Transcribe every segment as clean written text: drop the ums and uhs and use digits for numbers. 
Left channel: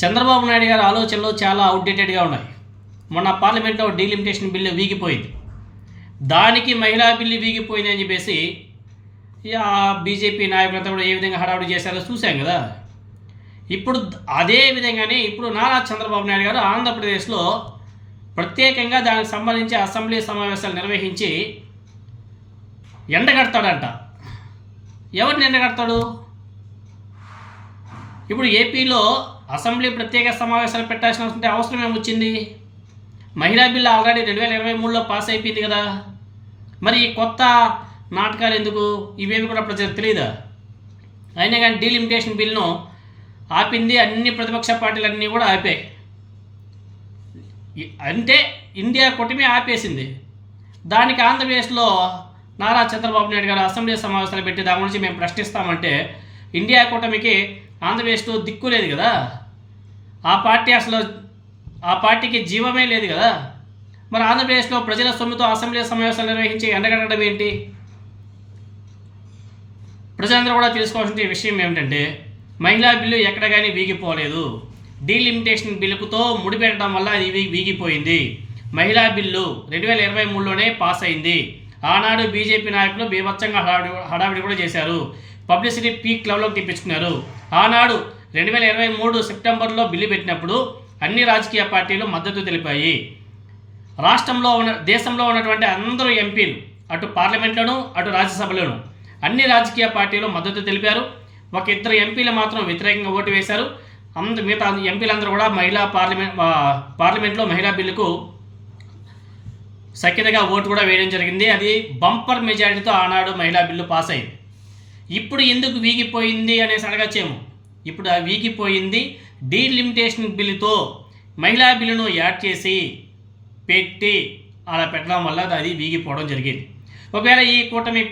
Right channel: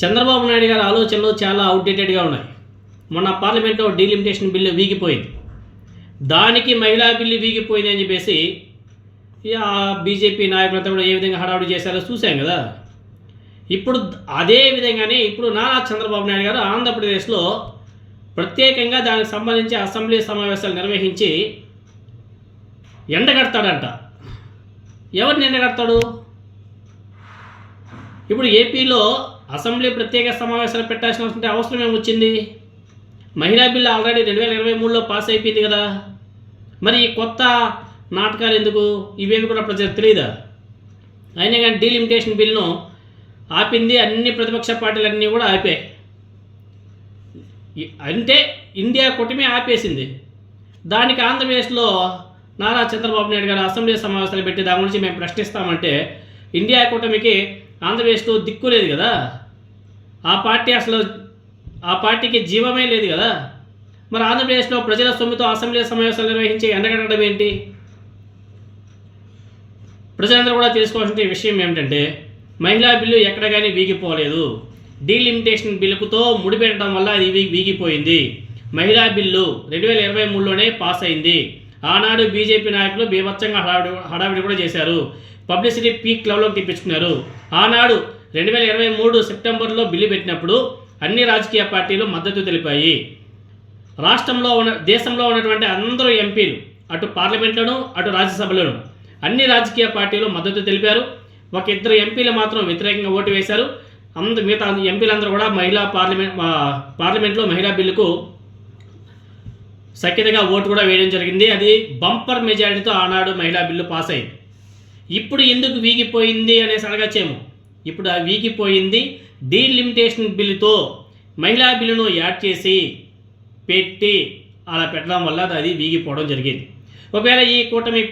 చంద్రబాబు నాయుడు గారి ఆలోచనలు చాలా అవుట్డేటెడ్గా ఉన్నాయి. మొన్న పార్లమెంట్లో డీలిమిటేషన్ బిల్లు వీగిపోయింది. దానికి మహిళా బిల్లు వీగిపోయింది అని చెప్పేసి బీజేపీ నాయకులంతా కూడా ఏ విధంగా హడావుడి చేశారో చూశాం కదా. ఇప్పుడు అదే విధంగానే ఇప్పుడు నారా చంద్రబాబు నాయుడు గారు ఆంధ్రప్రదేశ్లో ప్రత్యేకంగా దానికి సంబంధించి అసెంబ్లీ సమావేశాలు నిర్వహించి ఎండగడతాడంట. ఎవరిని ఎండగడతాడు? ఇప్పుడు ఏపీలో అసెంబ్లీ ప్రత్యేక సమావేశాలు పెట్టాల్సిన అవసరం ఏమొచ్చింది? మహిళా బిల్లు ఆల్రెడీ 2023లో పాస్ అయిపోయింది కదా. మరి ఈ కొత్త నాటకాలు ఎందుకు? ఇవేవి కూడా ప్రజలకు తెలియదా? అయినా కానీ డీలిమిటేషన్ బిల్లును ఆపింది అన్ని ప్రతిపక్ష పార్టీలన్నీ కూడా ఆపాయి. అంటే ఇండియా కూటమి ఆపేసింది. దానికి ఆంధ్రప్రదేశ్లో నారా చంద్రబాబు నాయుడు గారు అసెంబ్లీ సమావేశాలు పెట్టి దాని గురించి మేము ప్రశ్నిస్తామంటే ఇండియా కూటమికి ఆంధ్రప్రదేశ్లో దిక్కు లేదు కదా. ఆ పార్టీకి జీవమే లేదు కదా. మరి ఆంధ్రప్రదేశ్లో ప్రజల సొమ్ముతో అసెంబ్లీ సమావేశాలు నిర్వహించి ఎండగట్టడం ఏంటి? ప్రజలందరూ కూడా తెలుసుకోవాల్సిన విషయం ఏమిటంటే మహిళా బిల్లు ఎక్కడ కానీ వీగిపోలేదు. డీలిమిటేషన్ బిల్లుతో ముడిపెట్టడం వల్ల అది వీగిపోయింది. మహిళా బిల్లు 2023లోనే పాస్ అయింది. ఆనాడు బీజేపీ నాయకులు బీభత్సంగా హడావిడి కూడా చేశారు. పబ్లిసిటీ పీక్ లెవెల్లోకి తెప్పించుకున్నారు. ఆనాడు 2023 సెప్టెంబర్లో బిల్లు పెట్టినప్పుడు అన్ని రాజకీయ పార్టీలు మద్దతు తెలిపాయి. దేశంలో ఉన్నటువంటి అందరూ ఎంపీలు అటు పార్లమెంట్లోనూ అటు రాజ్యసభలోనూ అన్ని రాజకీయ పార్టీలు మద్దతు తెలిపారు. ఒక ఇద్దరు ఎంపీలు మాత్రం వ్యతిరేకంగా ఓటు వేశారు. మిగతా ఎంపీలందరూ కూడా పార్లమెంట్లో మహిళా బిల్లుకు సఖ్యతగా ఓటు కూడా వేయడం జరిగింది. అది బంపర్ మెజారిటీతో ఆనాడు మహిళా బిల్లు పాస్ అయింది. ఇప్పుడు ఎందుకు వీగిపోయింది అనేసి అడగచ్చేమో. ఇప్పుడు ఆ వీగిపోయింది డీలిమిటేషన్ బిల్లుతో మహిళా బిల్లును యాడ్ చేసి పెట్టి అలా పెట్టడం వల్ల అది వీగిపోవడం జరిగింది. ఒకవేళ ఈ కూటమి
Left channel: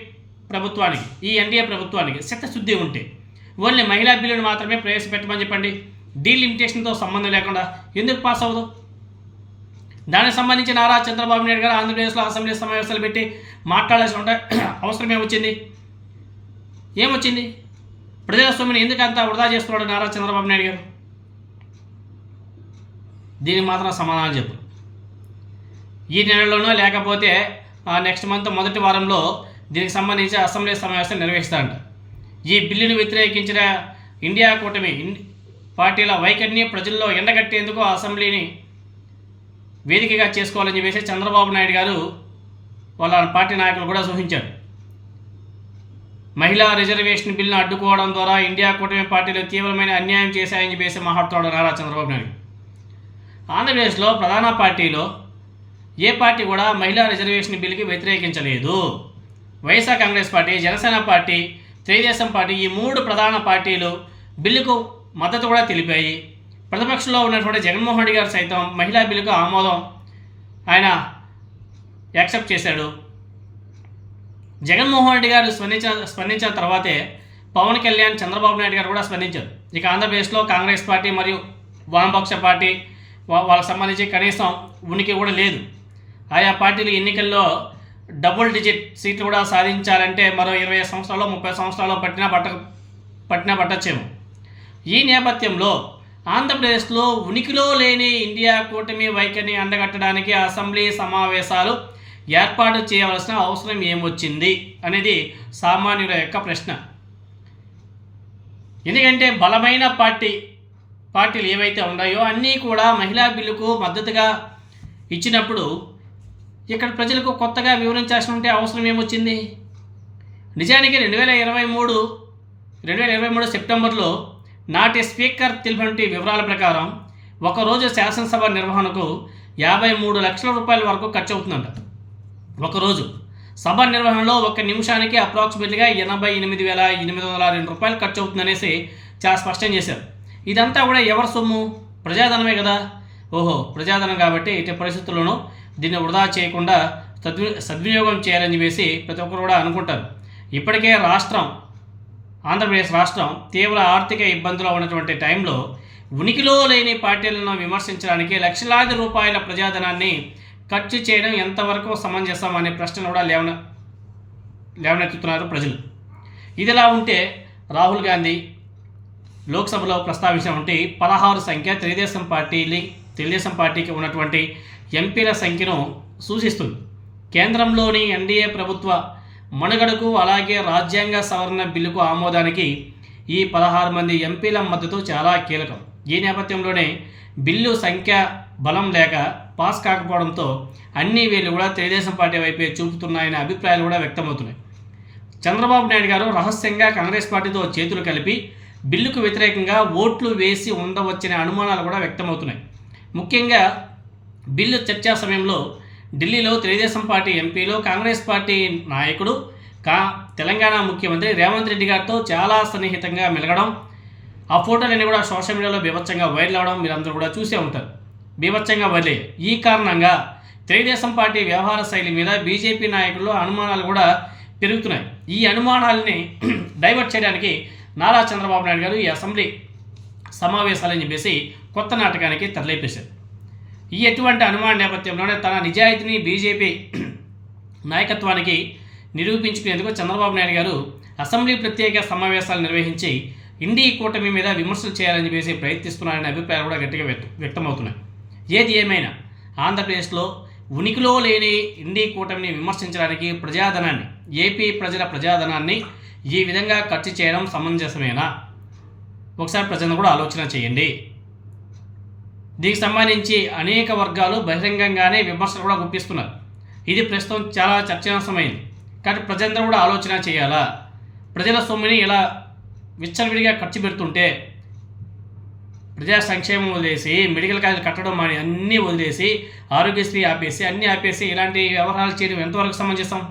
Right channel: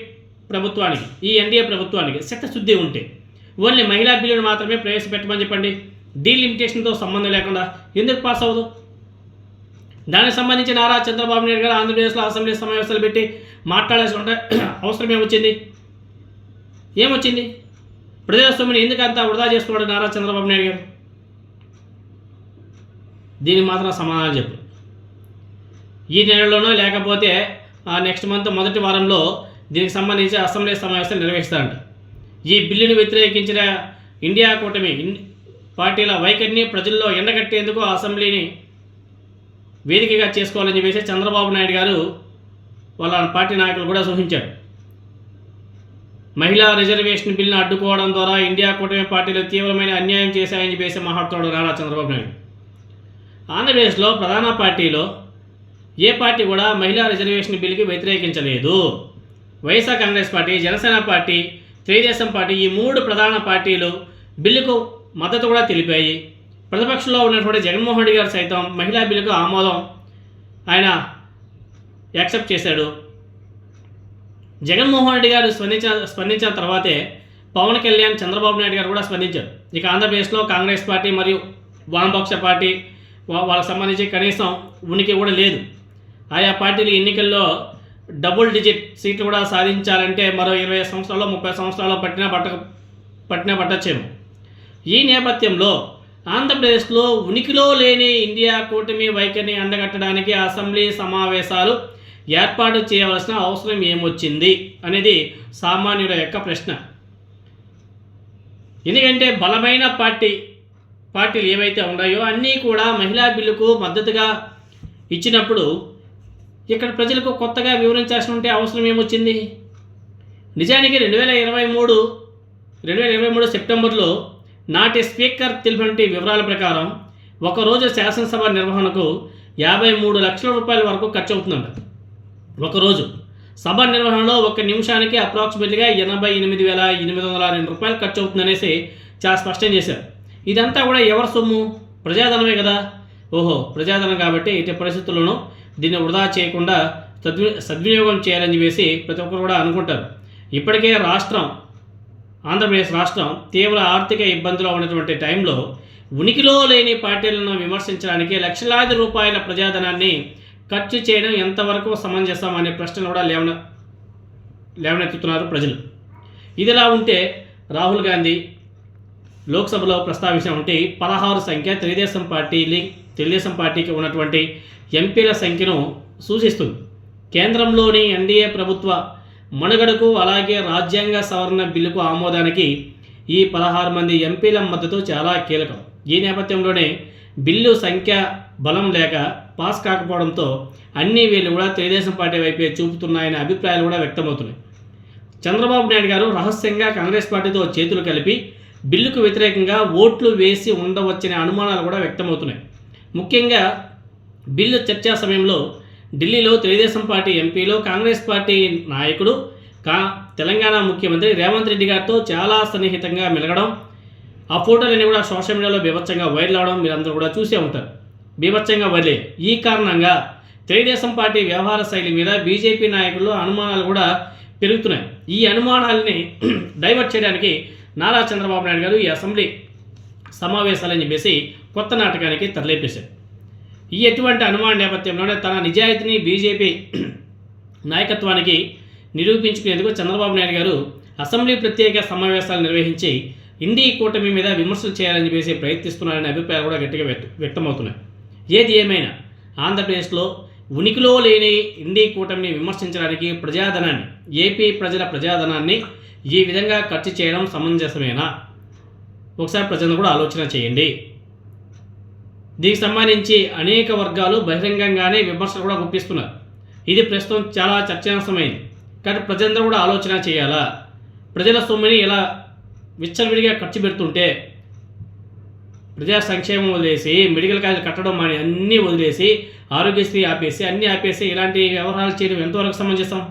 ప్రభుత్వానికి ఈ ఎన్డీఏ ప్రభుత్వానికి చిత్తశుద్ధి ఉంటే ఓన్లీ మహిళా బిల్లును మాత్రమే ప్రవేశపెట్టమని చెప్పండి. డీలిమిటేషన్తో సంబంధం లేకుండా ఎందుకు పాస్ అవ్వదు? దానికి సంబంధించి నారా చంద్రబాబు నాయుడు గారు ఆంధ్రప్రదేశ్లో అసెంబ్లీ సమావేశాలు పెట్టి మాట్లాడాల్సిన అవసరం ఏమొచ్చింది? ప్రజల సొమ్ముని ఎందుకు అంతా వృధా చేస్తున్నాడు నారా చంద్రబాబు నాయుడు గారు? దీనికి మాత్రం సమాధానం చెప్పు. ఈ నెలలోనో లేకపోతే నెక్స్ట్ మంత్ మొదటి వారంలో దీనికి సంబంధించి అసెంబ్లీ సమావేశాలు నిర్వహిస్తారంట. ఈ బిల్లును వ్యతిరేకించిన ఇండియా కూటమి పార్టీల వైఖరిని ప్రజల్లో ఎండగట్టేందుకు అసెంబ్లీని వేదికగా చేసుకోవాలని చెప్పేసి చంద్రబాబు నాయుడు గారు వాళ్ళ పార్టీ నాయకులు కూడా సూచించారు. మహిళా రిజర్వేషన్ బిల్లును అడ్డుకోవడం ద్వారా ఇండియా కూటమి పార్టీలు తీవ్రమైన అన్యాయం చేశాయని చెప్పేసి మాట్లాడుతాడు నారా చంద్రబాబు నాయుడు. ఆంధ్రప్రదేశ్లో ప్రధాన పార్టీలో ఏ పార్టీ కూడా మహిళా రిజర్వేషన్ బిల్లుకి వ్యతిరేకించలేదు. YSR Congress party, Janasena party, Telugu Desam party ఈ మూడు ప్రధాన పార్టీలు బిల్లుకు మద్దతు కూడా తెలిపాయి. ప్రతిపక్షంలో ఉన్నటువంటి జగన్మోహన్ రెడ్డి గారు సైతం మహిళా బిల్లుకు ఆమోదం ఆయన యాక్సెప్ట్ చేశాడు. జగన్మోహన్ రెడ్డి గారు స్పందించిన తర్వాతే పవన్ కళ్యాణ్, చంద్రబాబు నాయుడు గారు కూడా స్పందించారు. ఇక ఆంధ్రప్రదేశ్లో కాంగ్రెస్ పార్టీ మరియు వామపక్ష పార్టీ వాళ్ళకి సంబంధించి కనీసం ఉనికి కూడా లేదు. ఆయా పార్టీలు ఎన్నికల్లో డబుల్ డిజిట్ సీట్లు కూడా సాధించాలంటే మరో 20 సంవత్సరాలు 30 సంవత్సరాలు పట్టచ్చేమో. ఈ నేపథ్యంలో ఆంధ్రప్రదేశ్లో ఉనికిలో లేని ఇండియా కూటమి వైఖరిని అండగట్టడానికి అసెంబ్లీ సమావేశాలు ఏర్పాటు చేయవలసిన అవసరం ఏమొచ్చింది అనేది సామాన్యుల యొక్క ప్రశ్న. ఎందుకంటే బలమైన పార్టీలు ఏవైతే ఉన్నాయో అన్నీ కూడా మహిళా బిల్లుకు మద్దతుగా ఇచ్చినప్పుడు ఇక్కడ ప్రజలకు కొత్తగా వివరించాల్సిన అవసరం ఏమొచ్చింది? నిజానికి 2023 సెప్టెంబర్లో నాటి స్పీకర్ తెలిపినటువంటి వివరాల ప్రకారం ఒకరోజు శాసనసభ నిర్వహణకు 53 లక్షల రూపాయల వరకు ఖర్చు అవుతుందంట. ఒకరోజు సభ నిర్వహణలో 1 నిమిషానికి అప్రాక్సిమేట్గా 88,802 రూపాయలు ఖర్చు అవుతుందనేసి చాలా స్పష్టం చేశారు. ఇదంతా కూడా ఎవరి సొమ్ము? ప్రజాధనమే కదా. ప్రజాధనం కాబట్టి ఇటు పరిస్థితుల్లోనూ దీన్ని వృధా చేయకుండా సద్వినియోగం చేయాలని చెప్పేసి ప్రతి ఒక్కరు కూడా అనుకుంటారు. ఇప్పటికే ఆంధ్రప్రదేశ్ రాష్ట్రం తీవ్ర ఆర్థిక ఇబ్బందులు ఉన్నటువంటి టైంలో ఉనికిలో లేని పార్టీలను విమర్శించడానికి లక్షలాది రూపాయల ప్రజాధనాన్ని ఖర్చు చేయడం ఎంతవరకు సమంజసం అనే ప్రశ్నలు కూడా లేవనెత్తుతున్నారు ప్రజలు. ఇదిలా ఉంటే రాహుల్ గాంధీ లోక్సభలో ప్రస్తావించినటువంటి 16 సంఖ్య తెలుగుదేశం పార్టీకి ఉన్నటువంటి ఎంపీల సంఖ్యను సూచిస్తుంది. కేంద్రంలోని ఎన్డీఏ ప్రభుత్వ మనుగడకు అలాగే రాజ్యాంగ సవరణ బిల్లుకు ఆమోదానికి ఈ 16 మంది ఎంపీల మద్దతు చాలా కీలకం. ఈ నేపథ్యంలోనే బిల్లు సంఖ్య బలం లేక పాస్ కాకపోవడంతో అన్ని వేళ్ళు కూడా తెలుగుదేశం పార్టీ వైపే చూపుతున్నాయనే అభిప్రాయాలు కూడా వ్యక్తమవుతున్నాయి. చంద్రబాబు నాయుడు గారు రహస్యంగా కాంగ్రెస్ పార్టీతో చేతులు కలిపి బిల్లుకు వ్యతిరేకంగా ఓట్లు వేసి ఉండవచ్చనే అనుమానాలు కూడా వ్యక్తమవుతున్నాయి. ముఖ్యంగా బిల్లు చర్చా సమయంలో ఢిల్లీలో తెలుగుదేశం పార్టీ ఎంపీలు కాంగ్రెస్ పార్టీ నాయకుడు తెలంగాణ ముఖ్యమంత్రి రేవంత్ రెడ్డి గారితో చాలా సన్నిహితంగా మెలగడం, ఆ ఫోటోలన్నీ కూడా సోషల్ మీడియాలో బీభత్సంగా వైరల్ అవడం మీరందరూ కూడా చూసే ఉంటారు. బీభత్సంగా వైరల్. ఈ కారణంగా తెలుగుదేశం పార్టీ వ్యవహార శైలి మీద బీజేపీ నాయకుల్లో అనుమానాలు కూడా పెరుగుతున్నాయి. ఈ అనుమానాలని డైవర్ట్ చేయడానికి నారా చంద్రబాబు నాయుడు గారు ఈ అసెంబ్లీ సమావేశాలని చెప్పేసి కొత్త నాటకానికి తరలిపేశారు. ఈ ఎటువంటి అనుమాన నేపథ్యంలోనే తన నిజాయితీని బీజేపీ నాయకత్వానికి నిరూపించుకునేందుకు చంద్రబాబు నాయుడు గారు అసెంబ్లీ ప్రత్యేక సమావేశాలు నిర్వహించి ఇండీ కూటమి మీద విమర్శలు చేయాలని చెప్పేసి ప్రయత్నిస్తున్నారనే అభిప్రాయాలు కూడా గట్టిగా వ్యక్తమవుతున్నాయి. ఏది ఏమైనా ఆంధ్రప్రదేశ్లో ఉనికిలో లేని ఇండీ కూటమిని విమర్శించడానికి ఏపీ ప్రజల ప్రజాధనాన్ని ఈ విధంగా ఖర్చు చేయడం సమంజసమేనా? ఒకసారి ప్రజలను కూడా ఆలోచన చేయండి. దీనికి సంబంధించి అనేక వర్గాలు బహిరంగంగానే విమర్శలు కూడా గుప్పిస్తున్నారు. ఇది ప్రస్తుతం చాలా చర్చనీయాంశమైంది. కాబట్టి ప్రజలందరూ కూడా ఆలోచన చేయాలా? ప్రజల సొమ్ముని ఇలా విచ్చలవిడిగా ఖర్చు పెడుతుంటే ప్రజా సంక్షేమం వదిలేసి మెడికల్ కాలేజీలు కట్టడం అని అన్నీ వదిలేసి ఆరోగ్యశ్రీ ఆపేసి అన్నీ ఆపేసి ఇలాంటి వ్యవహారాలు చేయడం ఎంతవరకు సమంజసం?